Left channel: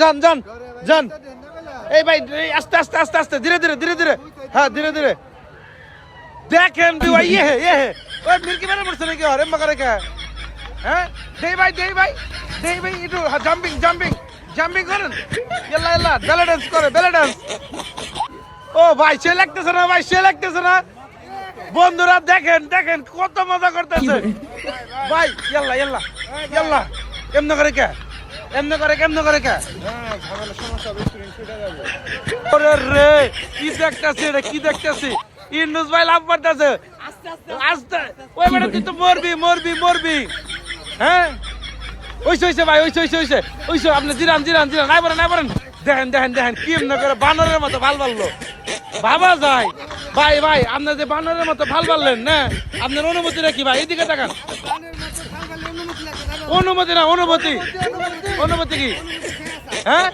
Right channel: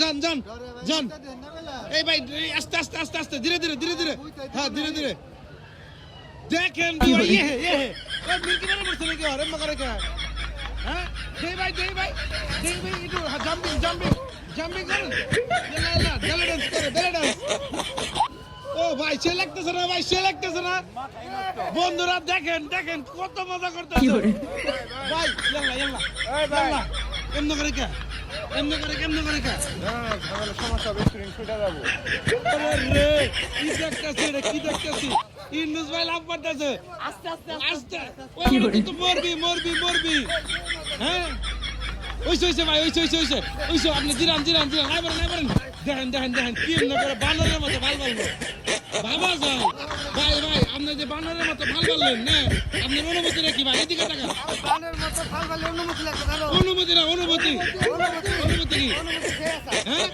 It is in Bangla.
যান যান যান এই ভাই আস্তে আস্তে আস্তে আস্তে ধীরে ধীরে ধীরে ধীরে হ্যাঁ ধীরে ধীরে দেখেন ভাই ইয়ে ওই মির্কি মেরে পড়ছে নাকি আরে মাকারে কে হ্যাঁ দেই ভাই একটু জাম্পিং জাম্পিং জাম্পিং করেন ইয়াল্লা ইয়াল্লা বেলা ডান্স করে বেলা ডান্স ও ভাই সে লাগতেছে না ভাই সে লাগতেছে না বন্ধুরা দেখেন দেখেন কত মজা করতেছে ভাই ইয়াল্লা ইয়াল্লা ইয়াল্লা কেমনে করে কে কেমনে করে কে ওরে রে কি দেখতেছি রে কি দেখতেছি ইন্নুস ভাই লাভ করতেছে আস্তে ওই বেটা তুই তো মরবি হ্যাঁ ওইসে ভাই ওইসে আপনি জিরান নাই বলেন দেখেন কি এমনি করে বানরের মতো ভাল বালবো বাবা যায় ভাই আপনার যে বানরের মতো ভাল বাললেন না আপনার অনুমতি নাকি ভাই এদিকে তাকান অনুমতি কি হ্যাঁ